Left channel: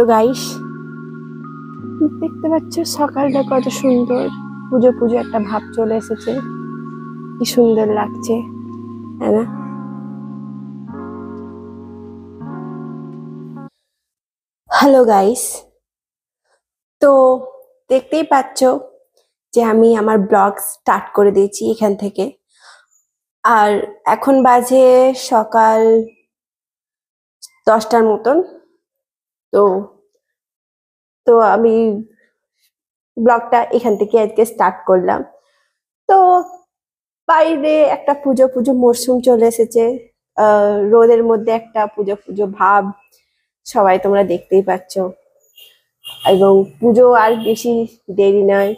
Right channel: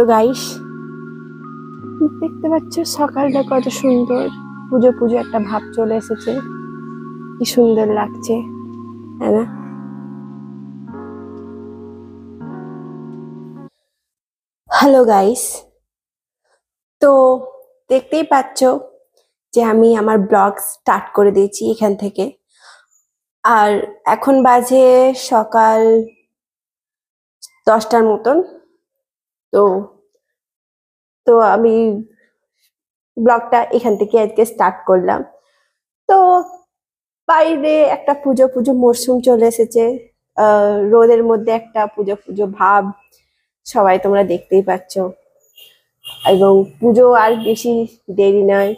তো গাইস, দেখতে পাচ্ছ সকালটা কত সুন্দর। পুজো পুজো একটা ভাব চলে এসেছে, কি সুন্দর লাগছে, তাই না? হ্যালো গাইস, তো দেখতেই পাচ্ছ যে আমি আমার ব্লগ স্টার্ট করে দিয়েছি এখান থেকে। আর এখন বাজে সকাল 10টার মতন। তো তো আমি ব্লগটা এখান থেকে আজকে স্টার্ট করলাম। তো বাইরে একটা পুজো পুজো মরশুম চলে এসেছে। রোদের মধ্যে একটা পুজো পুজো ভাব সবাই তোমরা দেখতেই পাচ্ছ। এবং পুজো আর বেশি দেরি নয়,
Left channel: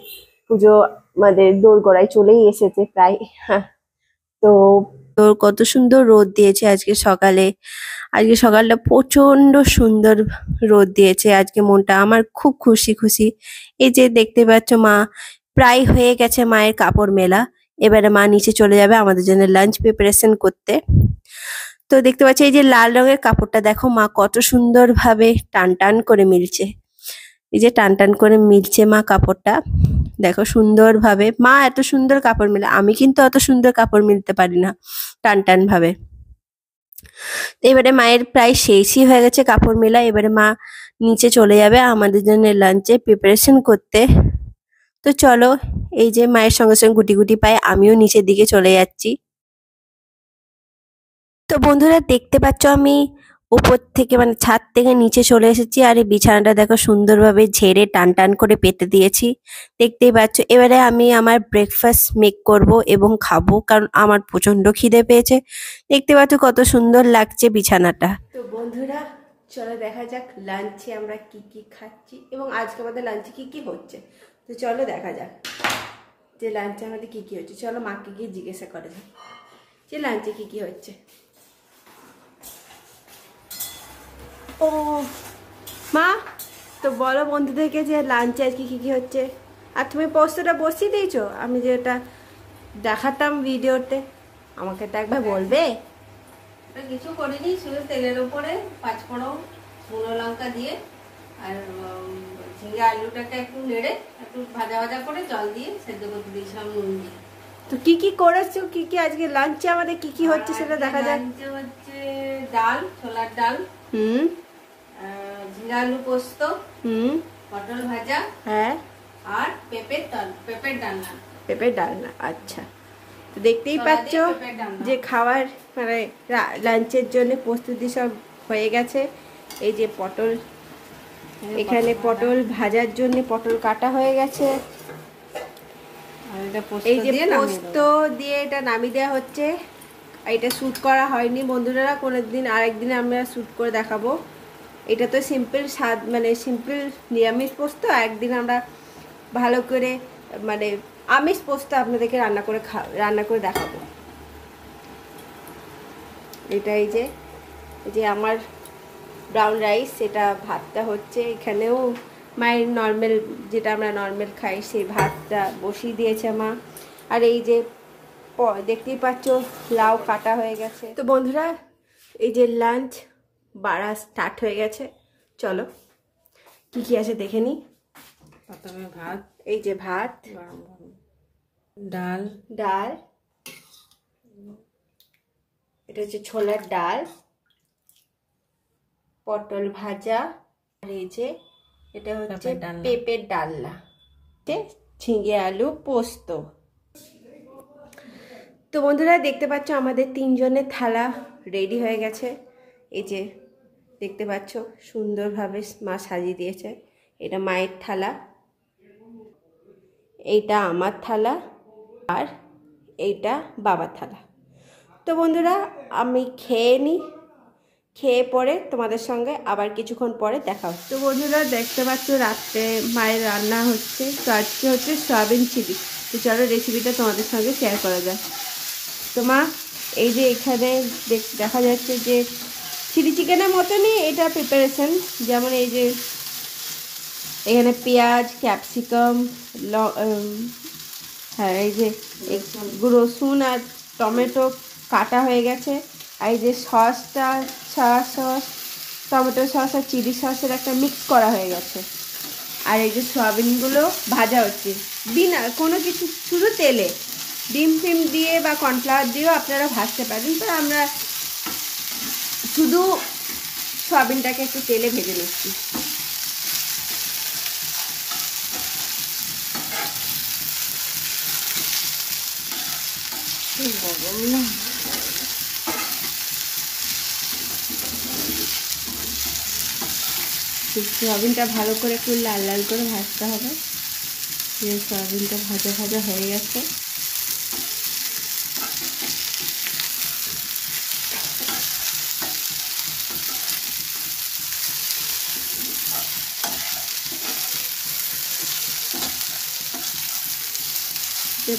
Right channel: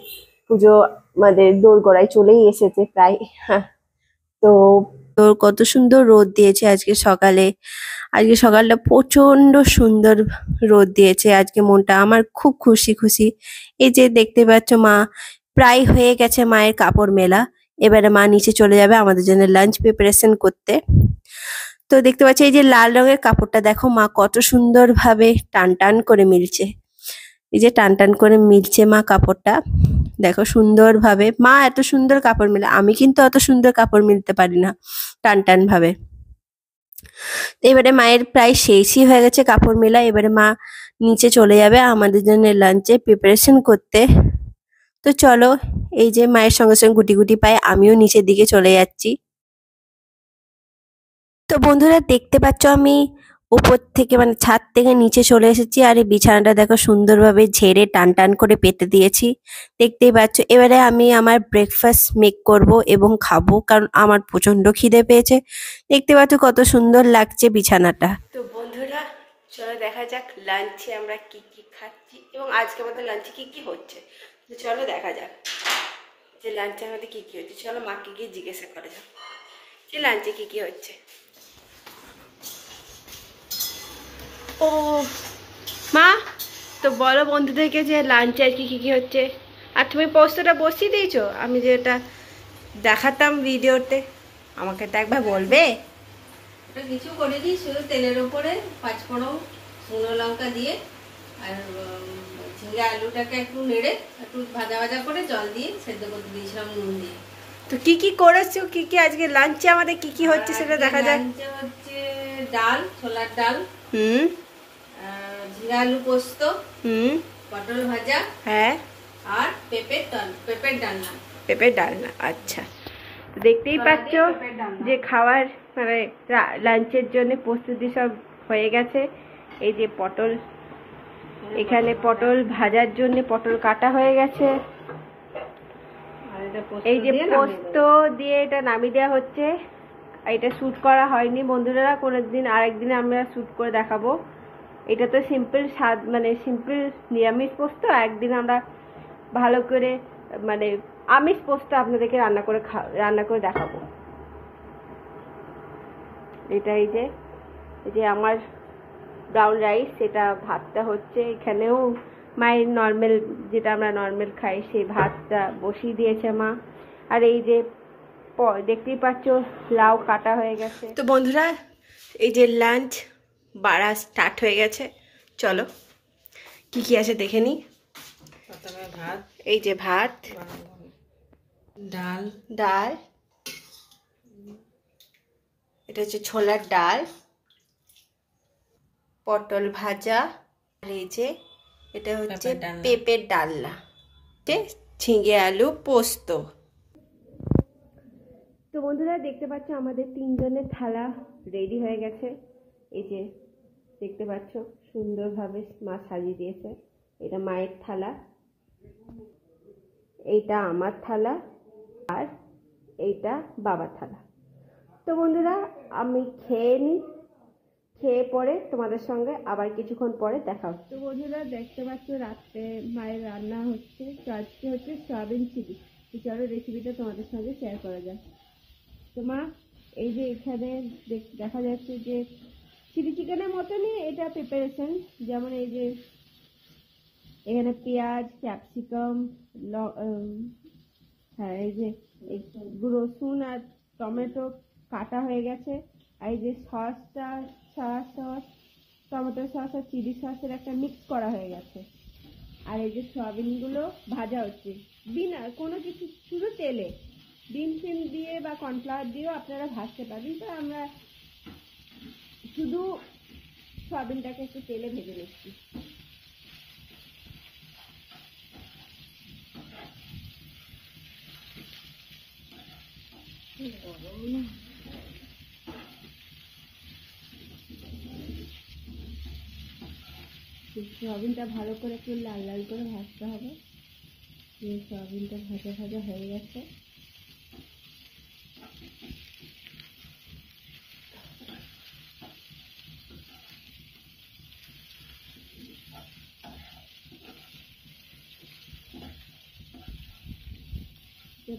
পুজো আমাদের দোরগোড়ায় চলেই এসেছে প্রায়। হ্যাঁ, তো তোর কত সুন্দর রোদ দিয়েছে আজকে সকালে। আজকে সকালটা প্রচন্ড সুন্দর রোদ দিয়েছে। আজকে মনটা আমার খুব খুশি খুশি। এই যে দেখতে পাচ্ছ, মা প্রায় হয়ে গেছে মায়ের কাপড় মেলা। এবারে মা নিচে চলে যাবে আমাদের জন্য লাঞ্চ প্রিপারেশন করতে। তো দেখতে পাচ্ছি এই যে লাল রঙের কাপড়টা দেখো, মা কত সুন্দর ভাবে টান টান করে মিলছে। এই যে টান টান করে মিলছে মা কাপড়টা, দেখো সুন্দর ভাবে। মা এত সুন্দর কাপড় মেলে, আমি কিন্তু অত সুন্দর কাপড় মিলতে পারি না টান টান ভাবে। এবারে মায়ের প্রায় শেষই হয়ে গেছে কাপড় মেলা। এবারে মা নিচে চলে যাবে আমাদের জন্য লাঞ্চে প্রিপারেশন করতে। তো চলো, এই যে মায়ের সঙ্গে সঙ্গে গুটি গুটি পায়ে আমিও নিচের দিকে চলে যাচ্ছি। তো বন্ধুরা দেখতে পাচ্ছ আমি উপর থেকে মানে ছাদ থেকে নিচে চলে এসেছি। আর এই বিছানাটা দেখো সুন্দরভাবে ঝেড়ে টান টান করে পেতে দিয়েছি, দেখতেই পাচ্ছ। এবারে আমি আমার ব্রেকফাস্ট মেক করব এবং খাবো, কারণ আমার প্রচন্ড খিদে পেয়েছে। দেখতে পাচ্ছ কত সুন্দর লাগছে বিছানাটা। তো বন্ধুরা চলো দেখা যাক লাঞ্চে আমরা কি কি খাচ্ছি এবং আজকে আমাদের লাঞ্চে কি কি হচ্ছে। তো চলো দেখা যাক যে লাঞ্চে আমাদের কি কি হচ্ছে। চলো মাকে গিয়ে জিজ্ঞাসা করা যাক যে লাঞ্চে কি কি হচ্ছে। ও মা, তো বলো বন্ধুদেরকে যে লাঞ্চে আজকে কী কী হচ্ছে। আর তুমি পোস্তটা বসিয়ে দিয়েছো, আমি যেটা দেখাতাম ভিডিওতে, আমাকে তো একবার বলবে। কিছু করিনি, শুধু তেলের উপরে পাঁচফোড়ন শুকনো লঙ্কা দিয়ে আর ঝিঙ্গা আলুটাকে একটু নেড়ে একটু ভাজা ভাজা করে জল দিয়ে সেদ্ধ করতে দিয়েছিলাম নুন দিয়ে। তো কি কি করেছো, কি কি আজকে লাঞ্চে আমাদের কি কি হচ্ছে সেটা দেখা যাক। হচ্ছে ডাল, ছোলার ডাল, ঝিঙ্গা আলু পোস্ত, পটল ভাজা, হ্যাঁ, আর পেঁপের ডালনা। পেঁপের ডালনা, আচ্ছা। তো দেখতেই পাচ্ছ যে খাবার মানে লাঞ্চের জন্য প্রস্তুতি সব হয়ে গেছে। এই যে পটল, এখানে পটল ভাজার জন্য পটল কাটা হয়ে গেছে। এই যে পোস্ত দিয়ে এটা নামিয়ে দেওয়া হচ্ছে। এটা শ্যুট করা হয়নি বন্ধুরা, কোনোদিন আরেকদিন আমরা শ্যুট করে দেখাবো। এটা তো সিম্পল স্বাদ, মানে সিম্পল নিরামিষ পোস্ত। একদিন আমরা ভালো করে মানে আমিষ পোস্ত আপনাদেরকে রান্না করে দেখাবো। এটা এই যে আমার ব্রাউন রাইস, সেটা ভাতটা হচ্ছে। এখানেও মায়ের নর্মাল, যেটা আমরা নর্মাল খাই, সেই ভাতটা বসিয়ে দিয়েছে মা। আর এই যে দেখতেই পাচ্ছ লাউ কাটা হয়ে গেছে। তো বন্ধুরা এই যে লাঞ্চ বাড়া স্টার্ট হয়ে গেছে। চলো কি কি আছে দেখে নি। প্রথমে ভাত, এই যে ভাত, ডাল, এটা হচ্ছে ছোলার ডাল, পটল ভাজা, আর এই যে এটা হচ্ছে পেঁপের ডালনা, ঝিঙে আলু পোস্ত। তো বন্ধুরা দেখতে পাচ্ছ আমাদের তিনজনের থালা রেডি হয়ে গেছে। এই যে দেখতে পাচ্ছ সুন্দরভাবে মা সাজিয়ে দিয়েছে। এটা মায়ের থালা, এইটা আমার থালা, আর এইটা বাবার থালা। তো বন্ধুরা আমি খেয়ে নিই, খেয়ে পরে তোমাদের সঙ্গে আবার কিছুক্ষণ পরে দেখা হচ্ছে। তো বন্ধুরা দেখতে পাচ্ছ রাত্রে মায়ের রান্না হচ্ছে। তো আজকে হচ্ছে সয়াবিন চিলি। তো চলো রেসিপিটা তোমাদের সঙ্গে শেয়ার করা যায়। তো মা এই যে এখানে দেখা যাচ্ছে যে চিলি চিকেনের মতনই এটা প্রিপারেশন। যেমন এই যে এখানে পেঁয়াজ, ক্যাপসিকাম, হ্যাঁ এই যে রসুন আর টমেটো কাটা হয়ে গেছে। আর এই যে সয়া সস, টমেটো সস আর চিলি সসের একটা মিক্স করা হয়ে গেছে। আর এই যে সয়াবিনগুলো ভাজা হচ্ছে বিনা কোনো কিছু, শুধু তেলে। ডিম ফিম দিয়ে বা কর্নফ্লাওয়ার দিয়েও আপনারা ভাজতে পারেন, তো আমরা শুধু সয়াবিনটাকে একটু তেলে ভেজে নিচ্ছি। সয়াবিনটা ভালো করে একটু লাল লাল করে ভাজতে হবে। সয়াবিনটা ভাজা ভাজা হয়ে গেছে।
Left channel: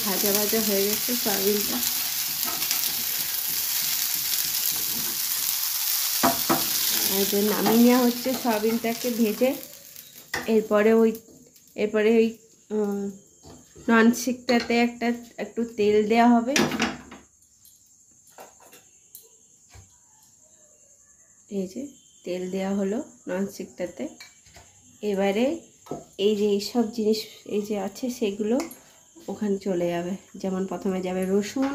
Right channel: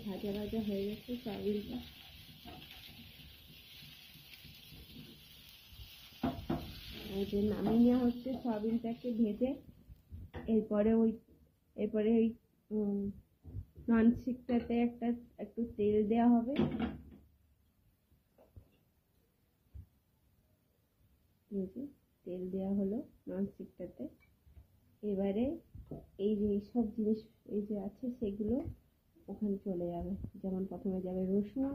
ভাজা ভাজা হয়ে গেছে সয়াবিনটা। আর নামিয়ে নেওয়া হচ্ছে সয়াবিনটাকে ভেজে। এরপরে ওই ননস্টিকটাতে একটু তেল দেওয়া হবে। এই যে তেল দেওয়া হলো ননস্টিকটাতে। এবারে এই যে এইসব জিনিস এই যে আছে সেগুলো ওখানে চলে যাবে। যেমন প্রথমে যাবে রসুন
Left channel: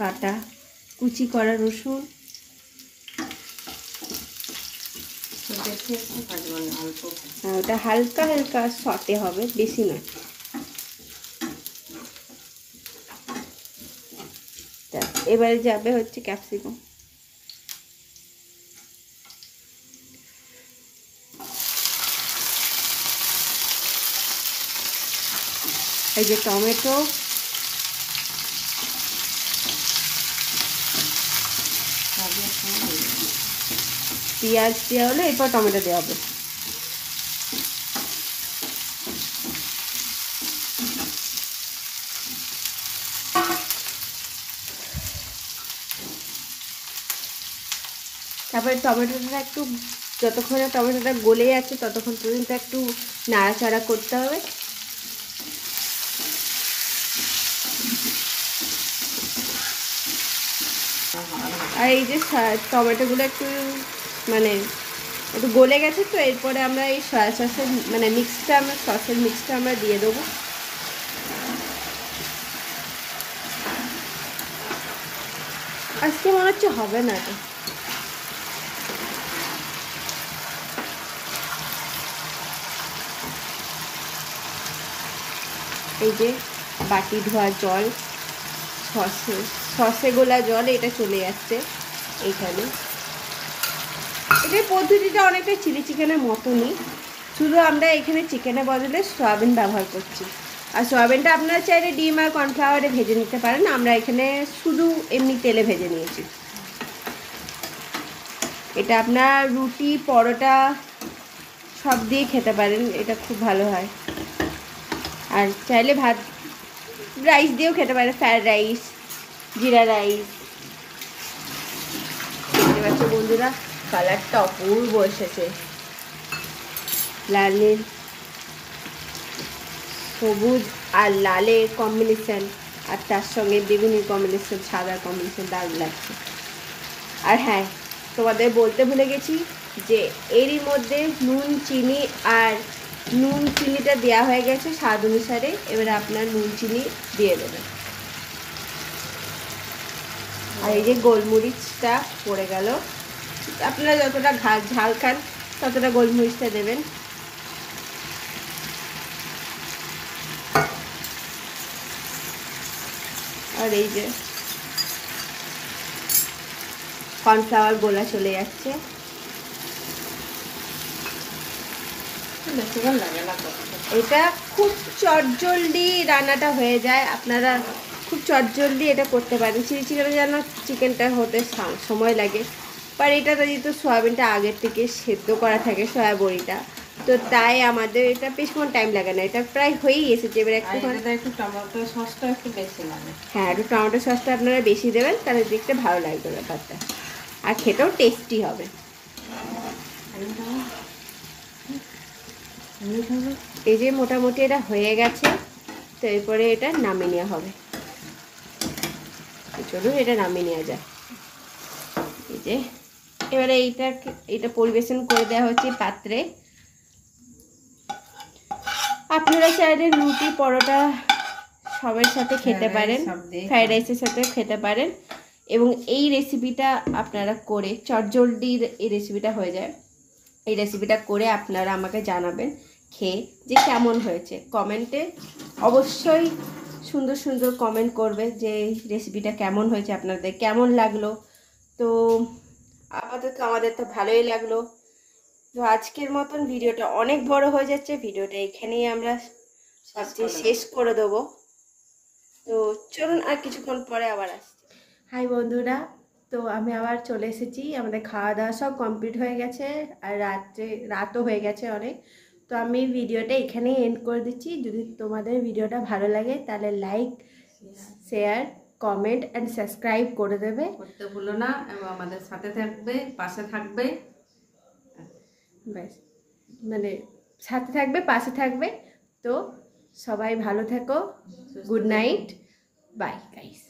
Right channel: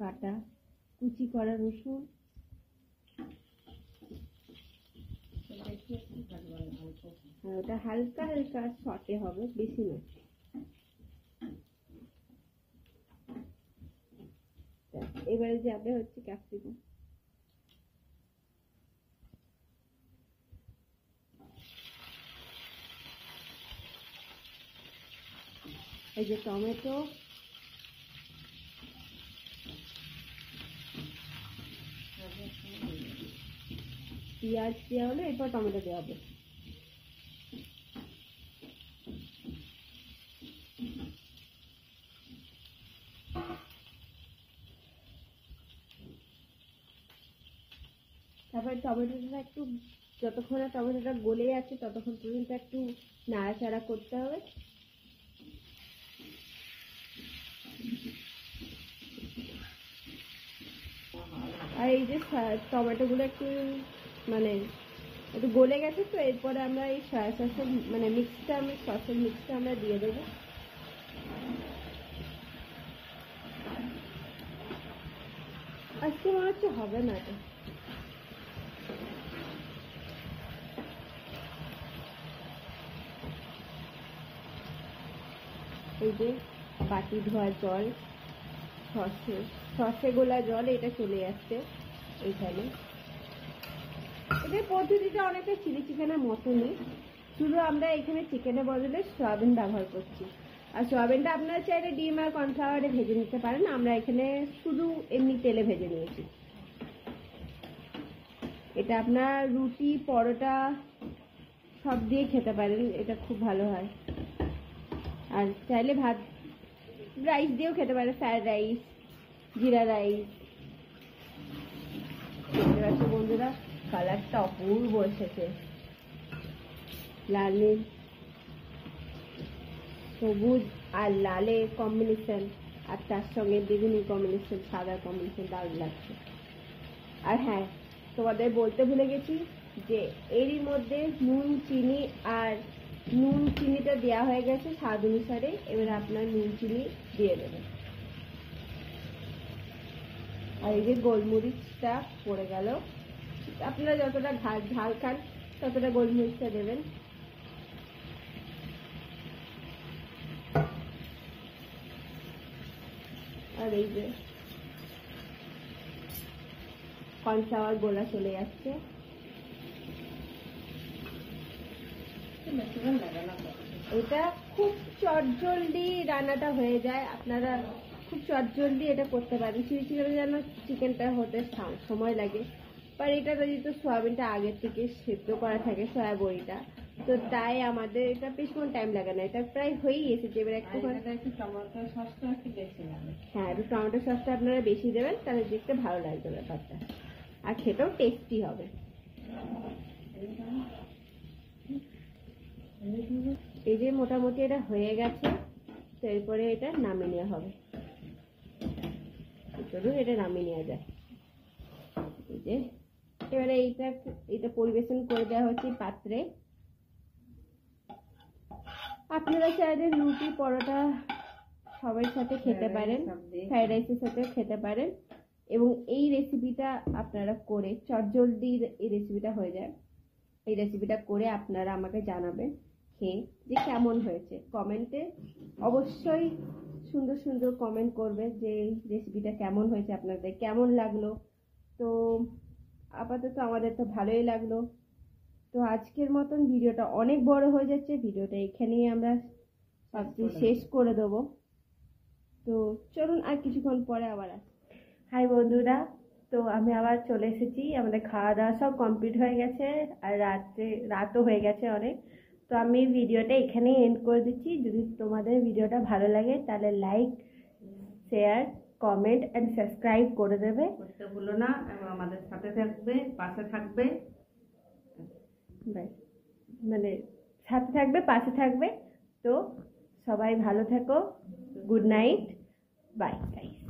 কাটা, কুচি করা রসুন। ওটা হালকা হালকা সটে হবে, বেশি না। এবারে যাবে হচ্ছে ক্যাপসিকাম। এই যে টমেটো, পেঁয়াজ দেওয়া হলো, এরপর টমেটো দেওয়া হবে। তারপরে টমেটোটা একটু, যতক্ষণে টমেটোটা গলে যাচ্ছে ততক্ষণ পর্যন্ত একটু নাড়াচাড়া করতে হবে। আর এই যে টমেটোগুলো একটু মানে একটু গলে গেছে, তো এরপরে আমরা এই সয়া সসের মানে সসের মিক্সটা আমরা দিয়ে দেবো। আজকে মনে হচ্ছে হবে না এটা। এই যে বাটি ধোয়া জল, সসে গোলা জল, এটা চলে যাচ্ছে এইখানে। এটার পদ্ধতিটা অনেকটা চিলি চিকেনের মতনই, শুধু আমরা এখানে চিকেনের বদলে সয়াবিন ব্যবহার করছি। আর সয়াবিনটা আপনারা চাইলে ডিম আর কর্নফ্লাওয়ারে ভেজে নিতে পারেন, আমরা এখানে শুধু এমনি তেলে ভেজে নিয়েছি। এটা আপনার রুটি, পরোটা সব দিয়ে খেতে পারেন, এটা খুব ভালো হয়। আর চাইলে ভাত রাইস দিয়েও খেতে পারেন, ফ্রায়েড রাইস, জিরা রাইস। দেখতে পাচ্ছ বন্ধুরা, কালারটা অপূর্ব এসেছে, লাল নীল সবুজ আর লালের কম্বিনেশন, আর তার সঙ্গে বেগুনির কম্বিনেশন, সাদার কম্বিনেশন দারুণ লাগছে। আর হ্যাঁ, তোমাদের বলতে ভুলে গেছি যে এরই মধ্যে নুন চিনিটা দেওয়া হয়ে গেছে স্বাদ অনুসারে। এবারে আপনার নুন চিনি দিয়ে দেবেন। আর এই যে গোলমরিচটা পড়ে গেল, আপনারা যতটা ঝাল খান ততটা গোলমরিচটা দেবেন। আর এই যে কর্নফ্লাওয়ার গোলা চলে যাচ্ছে। এটা খুব চটজলদি রান্নাটা হয়ে যায়, আপনারা খুব চটজলদি এটা করতে পারেন। চিলি চিকেনের যেন চিকেনটা হতে সময় লাগে, বাট এটা যেহেতু সয়াবিনটা আগের থেকে সেদ্ধ করা থাকে, সয়া বড়িটা, তো তাই আমাদের এটা বেশিক্ষণ টাইম লাগে না। এটা প্রায় হয়েই এসেছে। এবার একটু টমেটো সসটা একটু বেশি লাগে। হ্যাঁ, একটু টমেটো সসটা আপনারা বেশি দেবেন, তাহলে দেখতে ভালো লাগবে ব্যাপারটা, আর খেতেও টেস্টি হবে। এই যে মোটামুটি এটা হয়ে গেছে, তো এরপরে এটা নামিয়ে নেওয়া হবে। চলুন এটা নামিয়ে নেওয়া যায়। এই যে এবারে এটা পরিবেশন করে দেওয়া হচ্ছে পাত্রে। আপনারা চাইলে রুটি পরোটা সবের সাথে খেতে পারেন, ফ্রাইড রাইসের সাথে খেতে পারেন। এবং এই রেসিপিটা আপনারা করে চটজলদির এই রেসিপিটা হয়ে যায়। এই রেসিপিটা করে আপনারা আমাকে জানাবেন খেয়ে যে কেমন হয়েছে। কমেন্টে অবশ্যই সুন্দর সুন্দর কমেন্ট করবে যে রেসিপিটা কেমন হয়েছে, আপনাদের কেমন লাগলো। তো আপাতত আমাদের তো ভালোই লাগলো। তো আজকের মতন ভিডিওটা অনেক বড় হয়ে যাচ্ছে, ভিডিওটা এখানেই আমরা ভাবছি শেষ করে দেবো। তো চলুন আর কিছুক্ষণ পরে আবার আসছি। হাই বন্ধুরা, তো আমি আবার চলে এসেছি। আমাদের খাওয়া দাওয়া সব কমপ্লিট হয়ে গেছে আর রাতও হয়ে গেছে অনেক। তো আমি ভিডিওটা এখানেই এন্ড করে দিচ্ছি। যদি তোমাদের ভিডিওটা ভালো লাগে তাহলে like, share, comment and subscribe করে দেবে, করতে ভুলো না, এবং আমাদের সাথে থাকবে, পাশে থাকবে। ব্যাস, মানে সাথে থাকবে, পাশে থাকবে। তো সবাই ভালো থেকো, গুড নাইট, বাই গাইস।